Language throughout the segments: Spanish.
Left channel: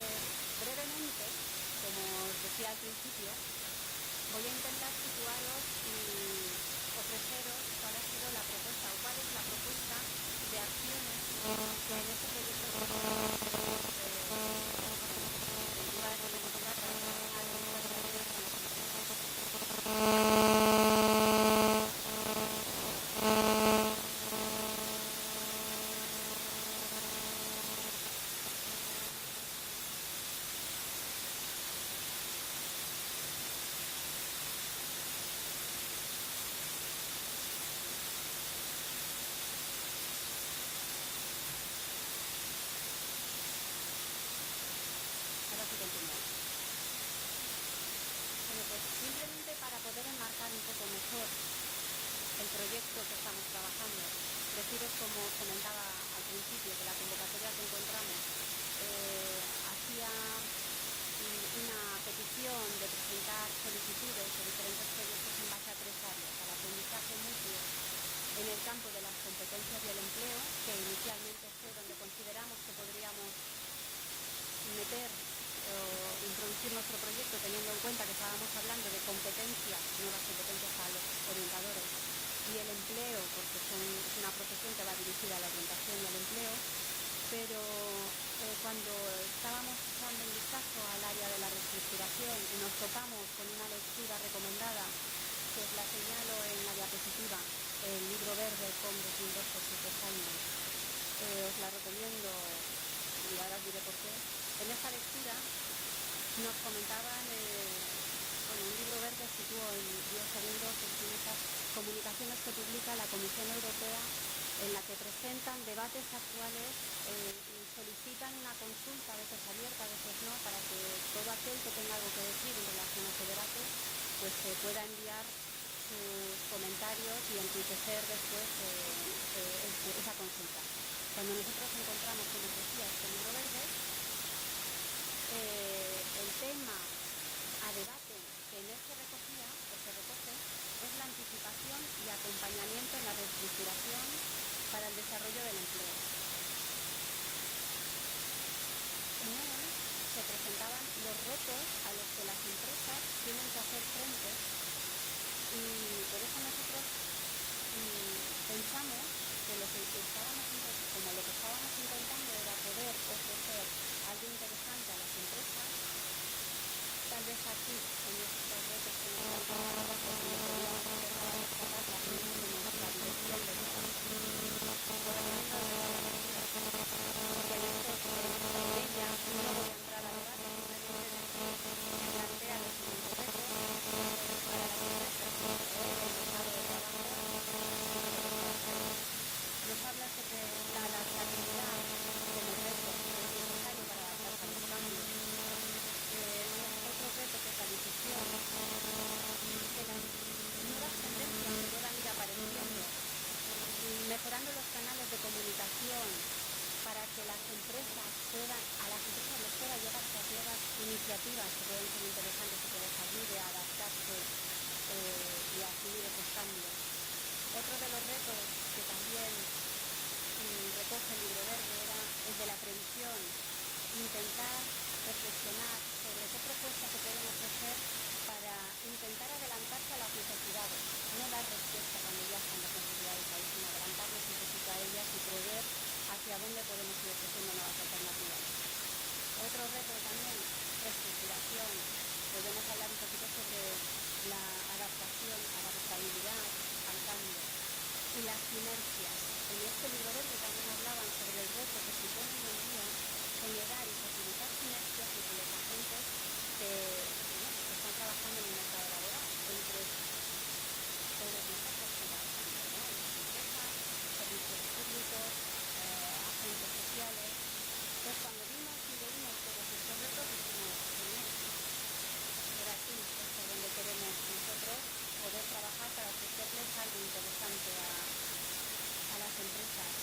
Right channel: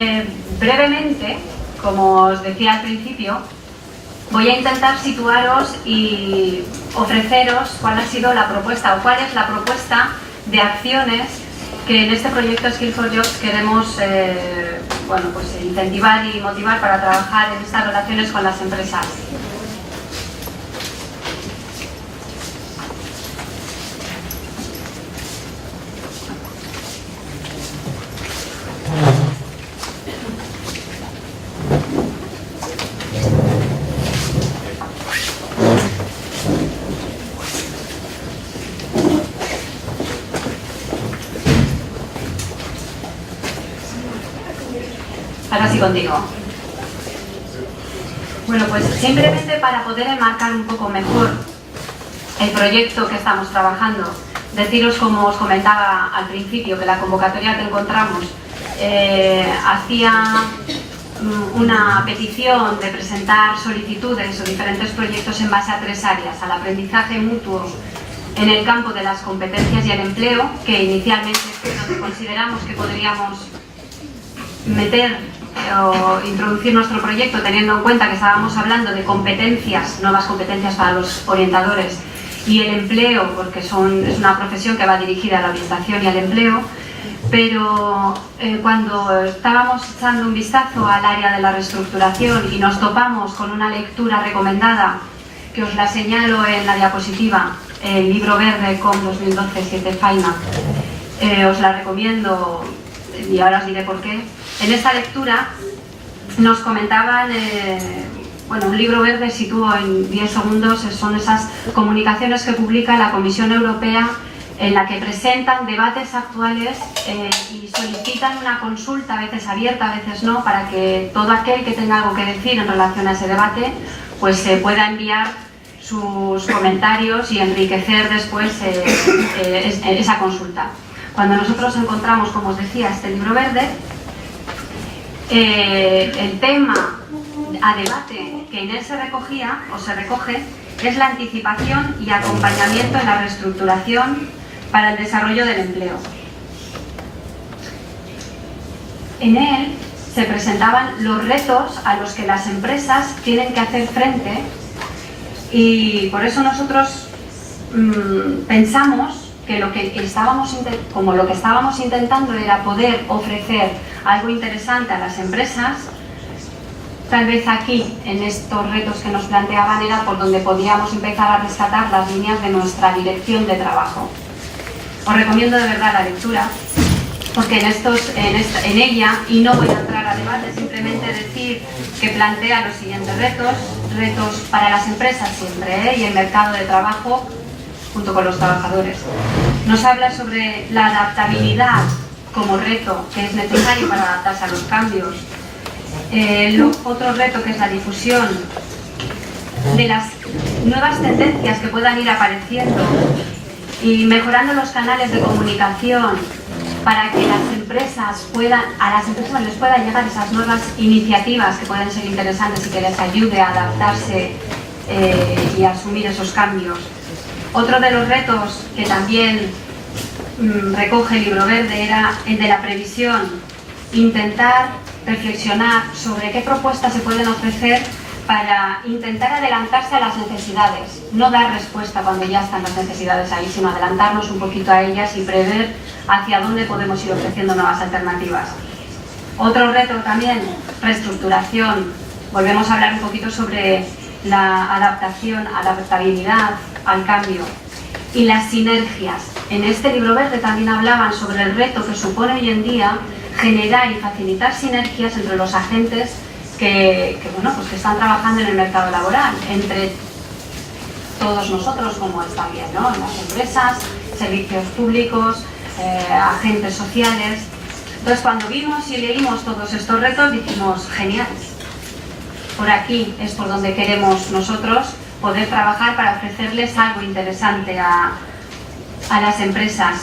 Brevemente, como os decía al principio, voy a intentar situaros y ofreceros cuál ha sido la propuesta o cuál es la propuesta de acciones que en este proyecto Skills for Jobs queremos incentivar y motivar para trabajar en estas relaciones con las empresas. Ahora sí contigo. Bueno, pues simplemente para poder enmarcar un poco mejor el proyecto que estamos trabajando, deciros, como os comentaba al principio, que la convocatoria que encontramos hacía una petición de presentar solicitudes o diferentes proyectos en base a 3 áreas: al aprendizaje mutuo en el campo de las competencias y el empleo, que inicialmente es donde consideramos que podríamos meter o introducir nuestro proyecto, teniendo en cuenta que estábamos hablando de competencias, nuevas competencias para los orientadores, y el empleo, porque es una profesión que va dirigida a la orientación y al empleo. Pero cuando estábamos echando un vistazo al área de la reestructuración y nos topamos con una lectura recomendada, que os la señalo en la diapositiva, el libro verde COM 2012-7 FAIMA, os la recomiendo y ahora os diré por qué. En esta lectura nos comentaban, un libro verde, sitúo en 10 segundos, son esas comunicaciones que publica la Comisión Europea en la que presentan debates actuales y solicitan una consulta, a veces abierta, a veces no, para que todo aquel que tenga algo que decir en relación a ese debate pues pueda enviar sus comentarios y enriquecer después esa consulta. Cuando nosotros encontramos, como os decía, este libro verde, el tema a debate que en él se recogía o se recoge es la anticipación y acompañamiento en la reestructuración para el desarrollo del empleo. En él se presentaban los retos a los que las empresas tienen que hacer frente, y por eso nosotros pensamos que lo que estábamos intentando era poder ofrecer algo interesante a las empresas. Tal vez aquí, en estos retos que nos planteaban, era por donde podíamos empezar a rescatar las líneas de nuestra dirección de trabajo. Os recomiendo de verdad la lectura, porque en ella, y no voy a entrar a debate, simplemente decir que plantea los siguientes retos para las empresas siempre, y el mercado de trabajo junto con los trabajadores. Nos habla sobre la adaptabilidad como reto que es necesario para adaptarse a los cambios. Otro reto, que es la difusión de las nuevas tendencias que puedan ir apareciendo y mejorando los canales de comunicación para que a las empresas les puedan llegar esas nuevas iniciativas que pueden ser interesantes y que les ayude a adaptarse y a asumir esos cambios. Otro de los retos que también recoge el libro verde era el de la previsión, intentar reflexionar sobre qué propuestas se pueden ofrecer para intentar adelantarse a las necesidades, no dar respuesta cuando ya están las necesidades ahí, sino adelantarnos un poquito a ellas y prever hacia dónde podemos ir ofreciendo nuevas alternativas. Otro reto también, reestructuración. Volvemos a hablar un poquito sobre la adaptabilidad al cambio y las sinergias. En este libro verde también hablaban sobre el reto que supone hoy en día generar y facilitar sinergias entre los agentes que están trabajando en el mercado laboral, entre todos nosotros, como es también, ¿no?, en las empresas, servicios públicos, agentes sociales. Entonces, cuando vimos y leímos todos estos retos, dijimos, genial, por aquí es por donde queremos nosotros poder trabajar para ofrecerles algo interesante a las empresas,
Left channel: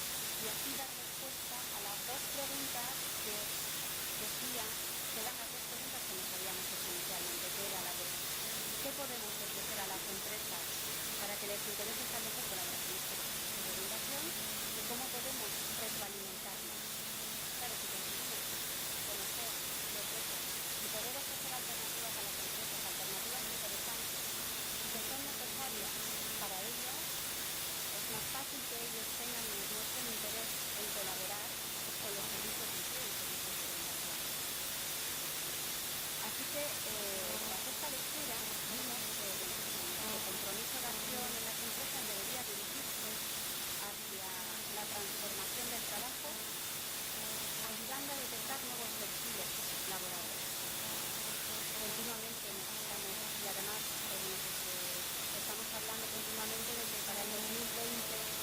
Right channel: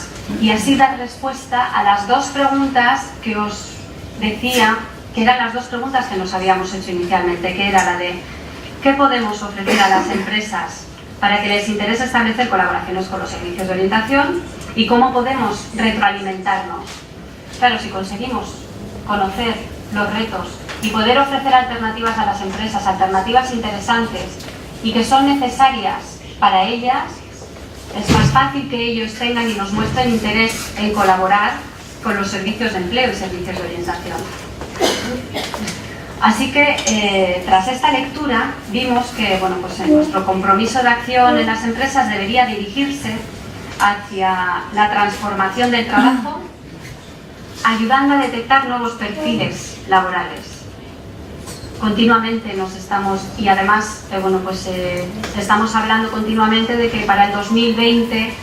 y así dar respuesta a las 2 preguntas que os decía, que eran las 2 preguntas que nos habíamos hecho inicialmente, que era la de ¿qué podemos ofrecer a las empresas para que les interese establecer colaboraciones con los servicios de orientación? ¿Y cómo podemos retroalimentarnos? Claro, si conseguimos conocer los retos y poder ofrecer alternativas a las empresas, alternativas interesantes y que son necesarias para ellas, es más fácil que ellos tengan y nos muestren interés en colaborar con los servicios de empleo y servicios de orientación. Así que tras esta lectura vimos que nuestro compromiso de acción en las empresas debería dirigirse hacia la transformación del trabajo, ayudando a detectar nuevos perfiles laborales. Continuamente nos estamos, y además estamos hablando continuamente de que para el 2020,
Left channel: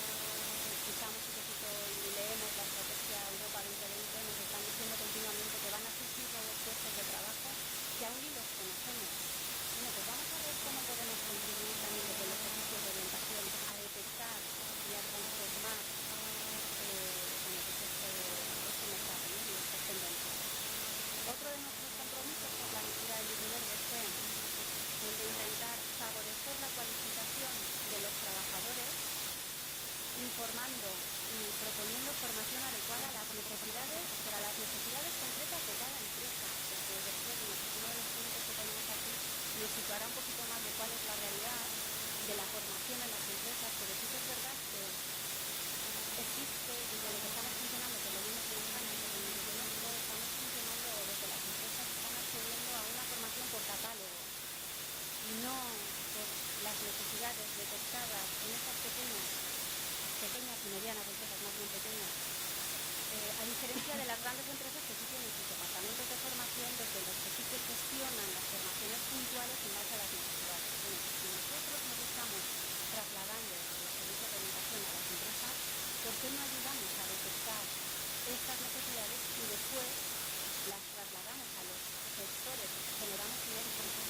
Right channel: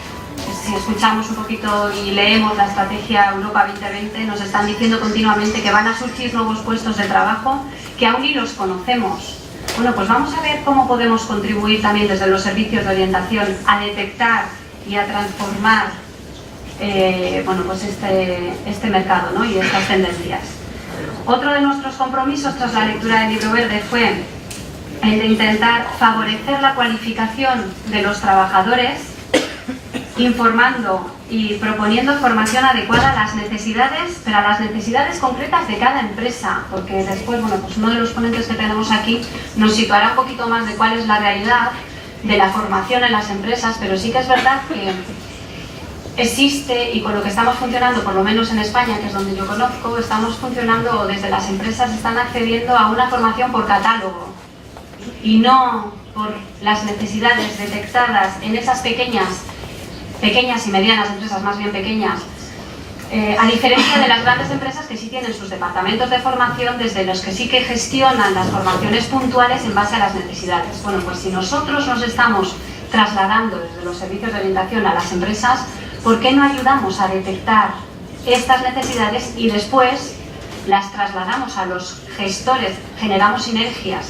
si escuchamos un poquito y leemos la estrategia Europa 2020, nos están diciendo continuamente que van a surgir nuevos puestos de trabajo que aún ni los conocemos. Bueno, pues vamos a ver cómo podemos contribuir también desde los servicios de orientación a detectar y a transformar este mercado, ¿no? Y estas tendencias. Otro de nuestros compromisos tras la lectura del libro verde fue el de intentar favorecer la cualificación de los trabajadores, informando y proponiendo formación adecuada a las necesidades, pero a las necesidades concretas de cada empresa, porque después, uno de los ponentes que tenemos aquí nos situará un poquito más de cuál es la realidad de la formación en las empresas, pero sí que es verdad que existe, y con lo que estamos funcionando, por lo menos en España, que es donde yo conozco, estamos funcionando, desde las empresas están accediendo a una formación por catálogo y no por las necesidades detectadas en esas pequeñas y medianas empresas, más bien pequeñas, a diferencia de las grandes empresas que sí tienen sus departamentos de formación, desde los que sí que gestionan las formaciones puntuales en base a las necesidades. Bueno, pues si nosotros nos estamos trasladando desde los servicios de orientación a las empresas, ¿por qué no ayudamos a detectar estas necesidades y después las trasladamos a los gestores, generamos sinergias,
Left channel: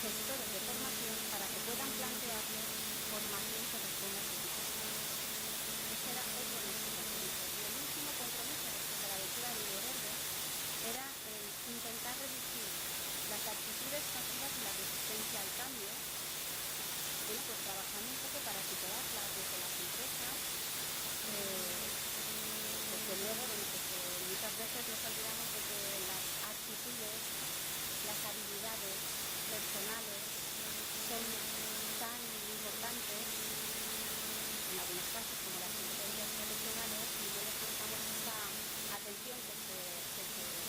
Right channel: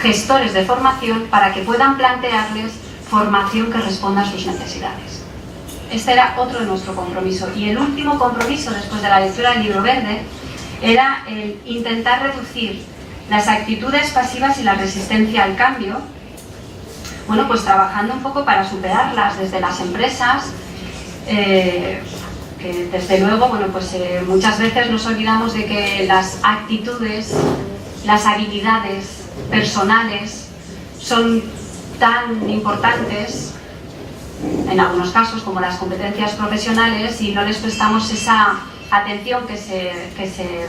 gestores de formación, para que puedan plantearles formación que responda a sus necesidades? Este era otro de nuestro compromiso. Y el último compromiso, después de la lectura del libro verde, era el intentar reducir las actitudes pasivas y la resistencia al cambio, pues trabajando un poco para superarlas desde las empresas, que desde luego, muchas veces nos olvidamos de que las actitudes, las habilidades personales son tan importantes en algunos casos como las competencias profesionales, y no les prestamos esa atención que se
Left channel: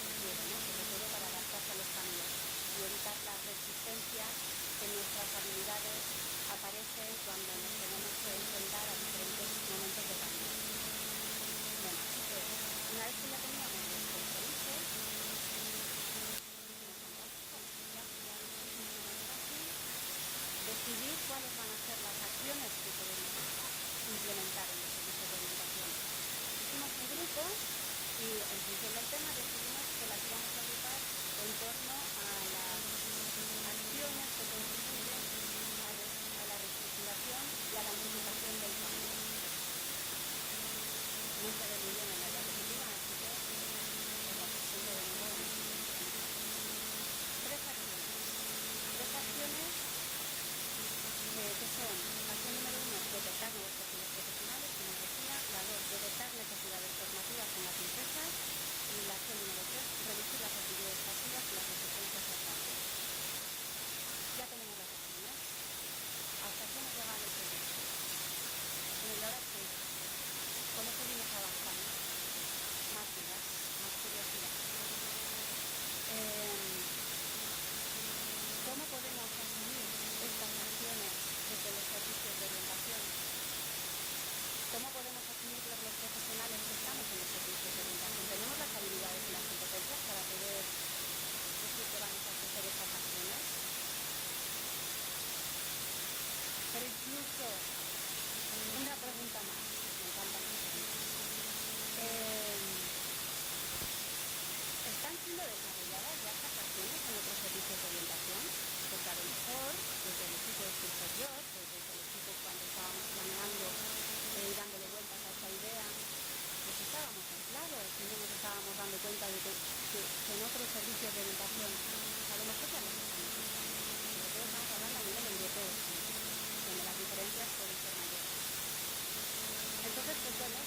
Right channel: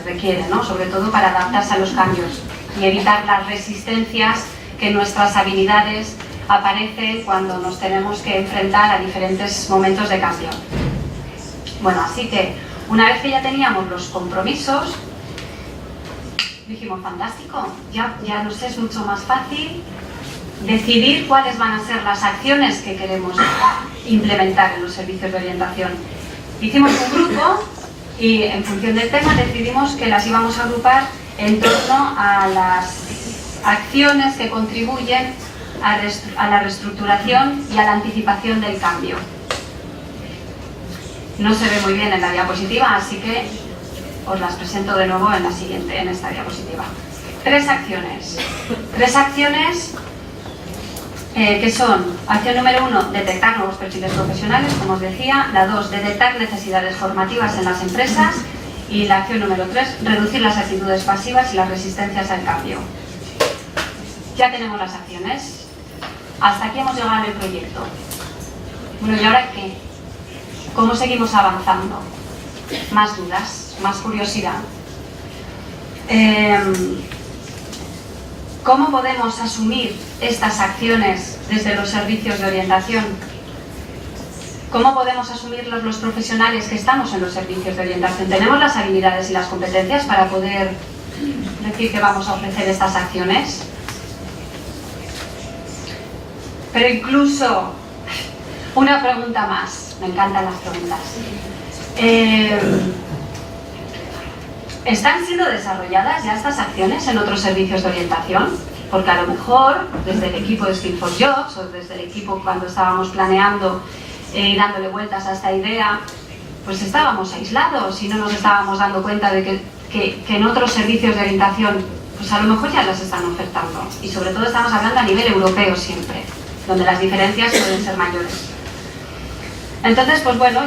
requiere, ¿no? Sobre todo para adaptarse a los cambios y evitar las resistencias que nuestras habilidades aparecen cuando nos tenemos que enfrentar a diferentes momentos de cambio. Bueno, así que una vez que ya teníamos los compromisos, dijimos, fantástico, ya nos es mucho más fácil decidir cuáles van a ser las acciones que queremos implementar en los servicios de orientación. Hicimos un grupo y en función del tema decidimos que las íbamos a agrupar en torno a las acciones que contribuyen a la reestructuración y a la anticipación del cambio. No se ve muy bien en la diapositiva, así que os las presento de nuevo en esta diapositiva. Tres acciones que son: acción número 1, detectar nuevos perfiles profesionales, como os decía; la 2, detectar necesidades formativas en las empresas; y la acción número 3, reducir las actitudes pasivas y las resistencias al cambio. Ya tenemos las acciones. Hasta aquí hemos llegado en el proyecto. Bueno, ¿y ahora qué? ¿Cómo seguimos avanzando? Más dudas, más curiosidad. ¿Cómo podemos asumir estas acciones desde los servicios de orientación? ¿Cómo podemos asumirlos los profesionales que estamos en los servicios de orientación? ¿Tenemos las habilidades y las competencias para poder decir que vamos a ofrecer estas acciones? Pero incluso, una pregunta más, me encantan las preguntas. ¿Están siendo desarrolladas ya estas acciones en otros servicios de orientación? Porque a lo mejor, desde el equipo de Skill for Jobs, o desde el equipo cuando estábamos planeando y dándole vueltas a esta idea, pues estábamos aislados y no nos estábamos dando cuenta de que en otros servicios de orientación, pues a lo mejor ya las están ofertando. Y sobre todo estamos hablando a nivel europeo siempre, donde las diferencias pueden ser mayores. Entonces, pues bueno,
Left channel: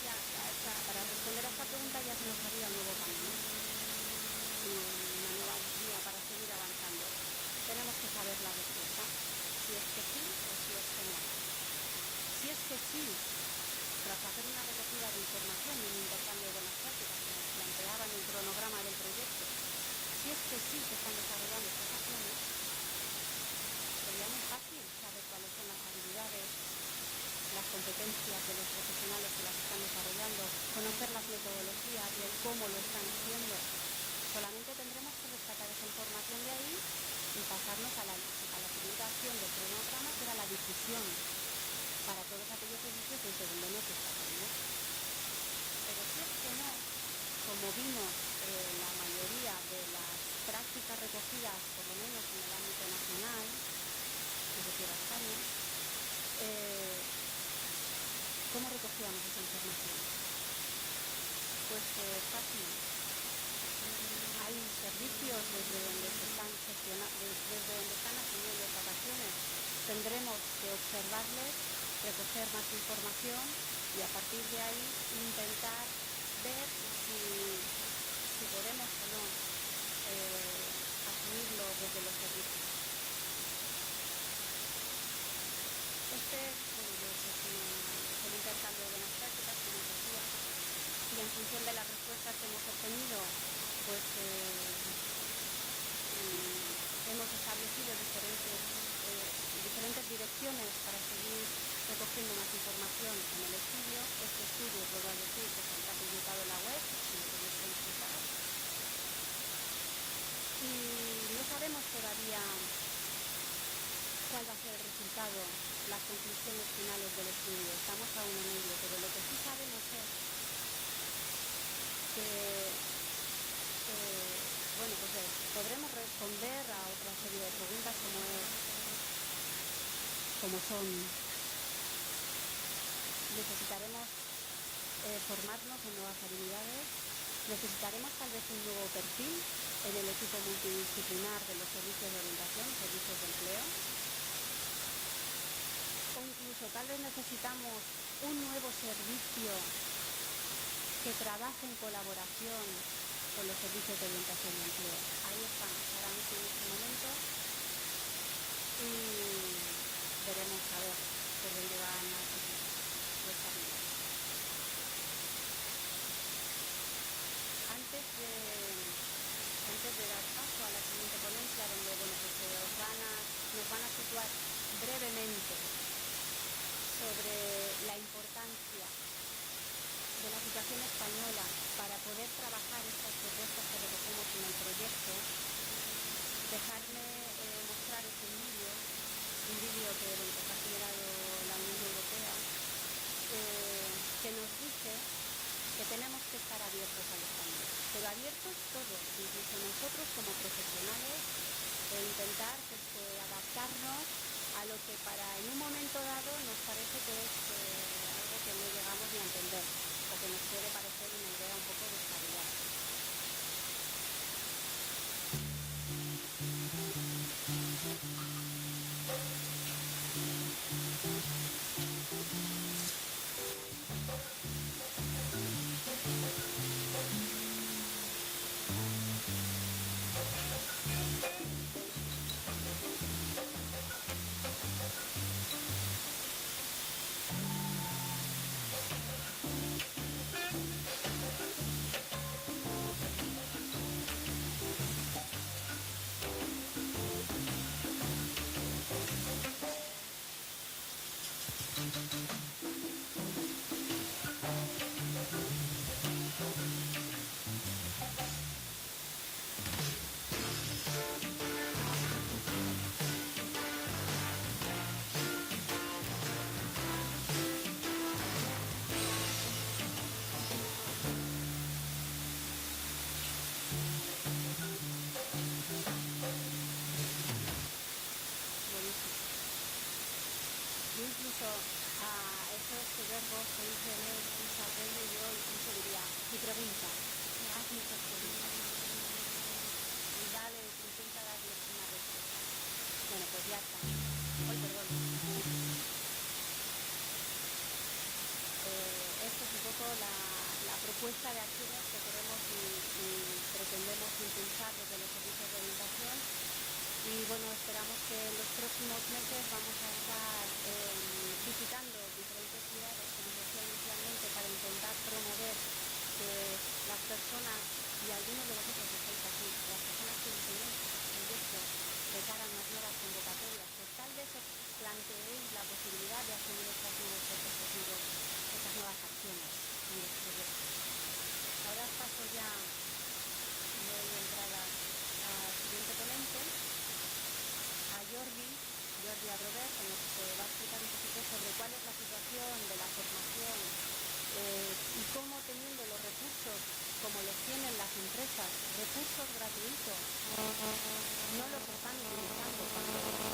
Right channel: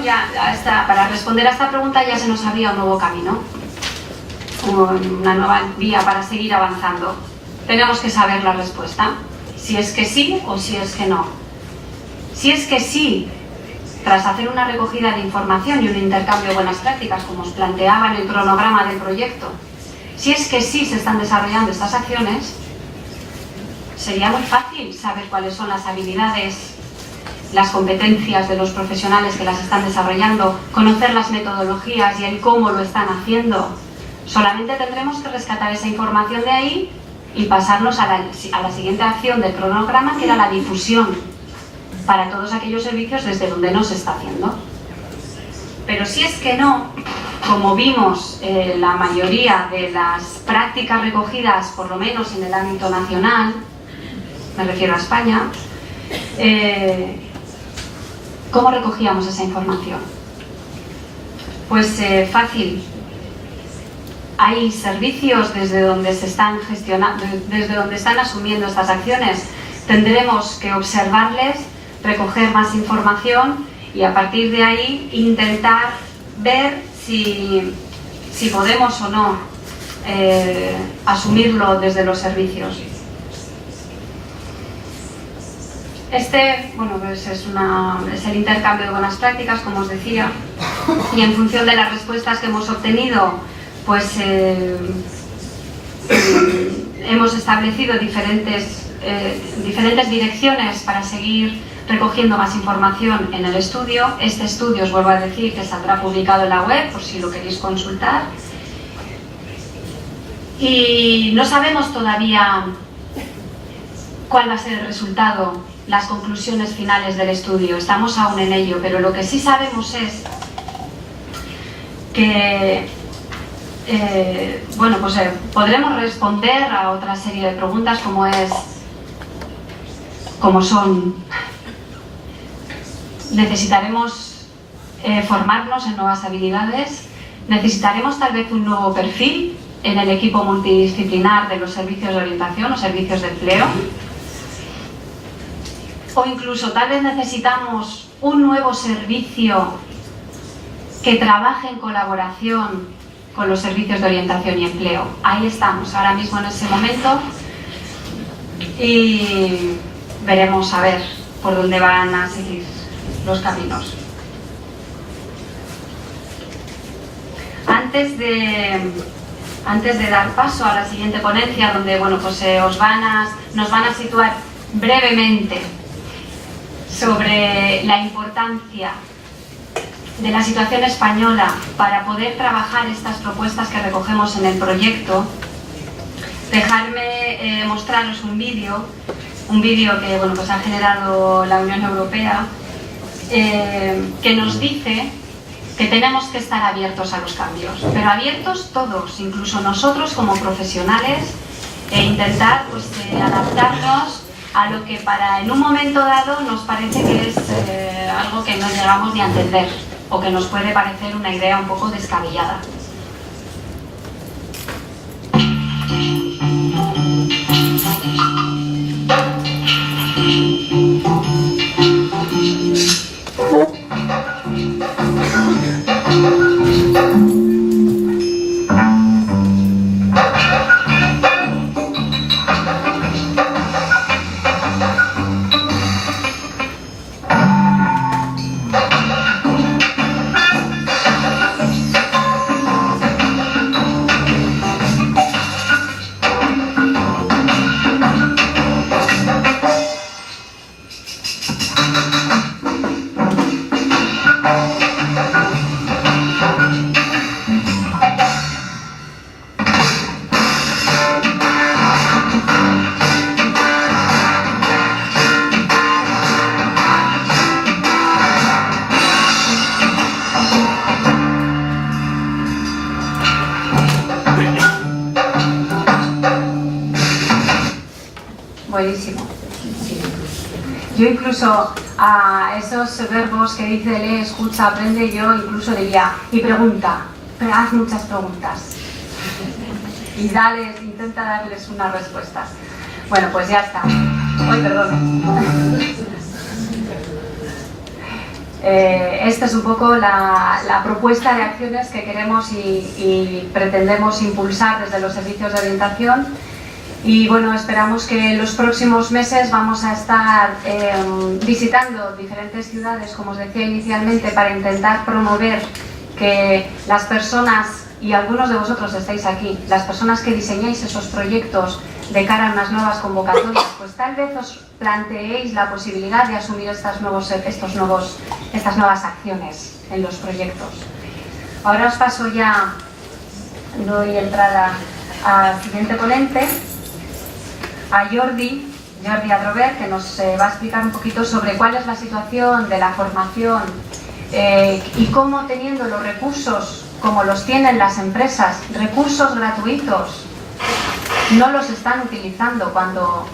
para responder a esta pregunta ya se nos abría un nuevo camino. una nueva vía para seguir avanzando. Tenemos que saber la respuesta, si es que sí o si es que no. Si es que sí, tras hacer una recogida de información y un intercambio de buenas prácticas, como os planteaba en el cronograma del proyecto, si es que sí se están desarrollando estas acciones, sería muy fácil saber cuáles son las habilidades, las competencias de los profesionales que las están desarrollando, conocer las metodologías y el cómo lo están haciendo. Solamente tendremos que rescatar esa información de ahí y pasarnos a la siguiente acción del cronograma, que era la difusión para todos aquellos servicios desde donde no se está haciendo. Pero si es que no, como vimos, la mayoría de las prácticas recogidas, por lo menos en el ámbito nacional, me refiero a España, ¿cómo recogíamos esa información? Pues fácil. Hay servicios desde donde se están gestionando, desde donde están asumiendo estas acciones. Tendremos que observarles, recoger más información y a partir de ahí intentar ver si podemos o no asumirlo desde los servicios. Bueno, pues es el intercambio de buenas prácticas, como os decía, y en función de las respuestas que hemos obtenido, pues hemos establecido diferentes direcciones para seguir recogiendo más información en el estudio. Este estudio, os vuelvo a decir, que saldrá publicado en la web, por si lo queréis consultar. Y no sabemos todavía cuál va a ser el resultado, las conclusiones finales del estudio. Estamos aún en ello, pero lo que sí sabemos es que podremos responder a otra serie de preguntas como son: necesitaremos formarnos en nuevas habilidades, necesitaremos tal vez un nuevo perfil en el equipo multidisciplinar de los servicios de orientación o servicios de empleo, o incluso tal vez necesitamos un nuevo servicio que trabaje en colaboración con los servicios de orientación y empleo. Ahí estamos ahora mismo en ese momento y veremos a ver por dónde van a seguir los caminos. Antes de dar paso a la siguiente ponencia, donde nos van a situar brevemente sobre la importancia de la situación española para poder trabajar estas propuestas que recogemos en el proyecto, dejadme mostraros un vídeo que ha generado la Unión Europea, que nos dice que tenemos que estar abiertos a los cambios, pero abiertos todos, incluso nosotros como profesionales, e intentar adaptarnos a lo que en un momento dado nos parece que es algo que no llegamos ni a entender, o que nos puede parecer una idea un poco descabellada. Buenísimo. Yo incluso a esos verbos que dice lee, escucha, aprende, yo incluso diría y pregunta, pero haz muchas preguntas y intenta darles unas respuestas. Bueno, pues ya está. Ay, perdón. Esta es un poco la propuesta de acciones que queremos y pretendemos impulsar desde los servicios de orientación. Y bueno, esperamos que en los próximos meses vamos a estar visitando diferentes ciudades, como os decía inicialmente, para intentar promover que las personas, y algunos de vosotros estáis aquí, las personas que diseñáis esos proyectos de cara a unas nuevas convocatorias, pues tal vez os planteéis la posibilidad de asumir estas nuevas acciones en los proyectos. Ahora os paso ya, doy entrada al siguiente ponente, a Jordi Adrover, que nos va a explicar un poquito sobre cuál es la situación de la formación y cómo, teniendo los recursos como los tienen las empresas, recursos gratuitos, no los están utilizando cuando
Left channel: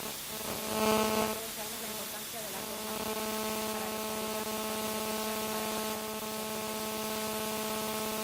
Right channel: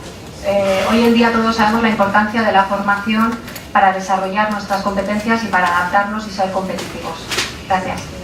hoy en día todos sabemos la importancia de la formación para desarrollar nuestras competencias y para adaptarnos y ser competitivos. Gracias.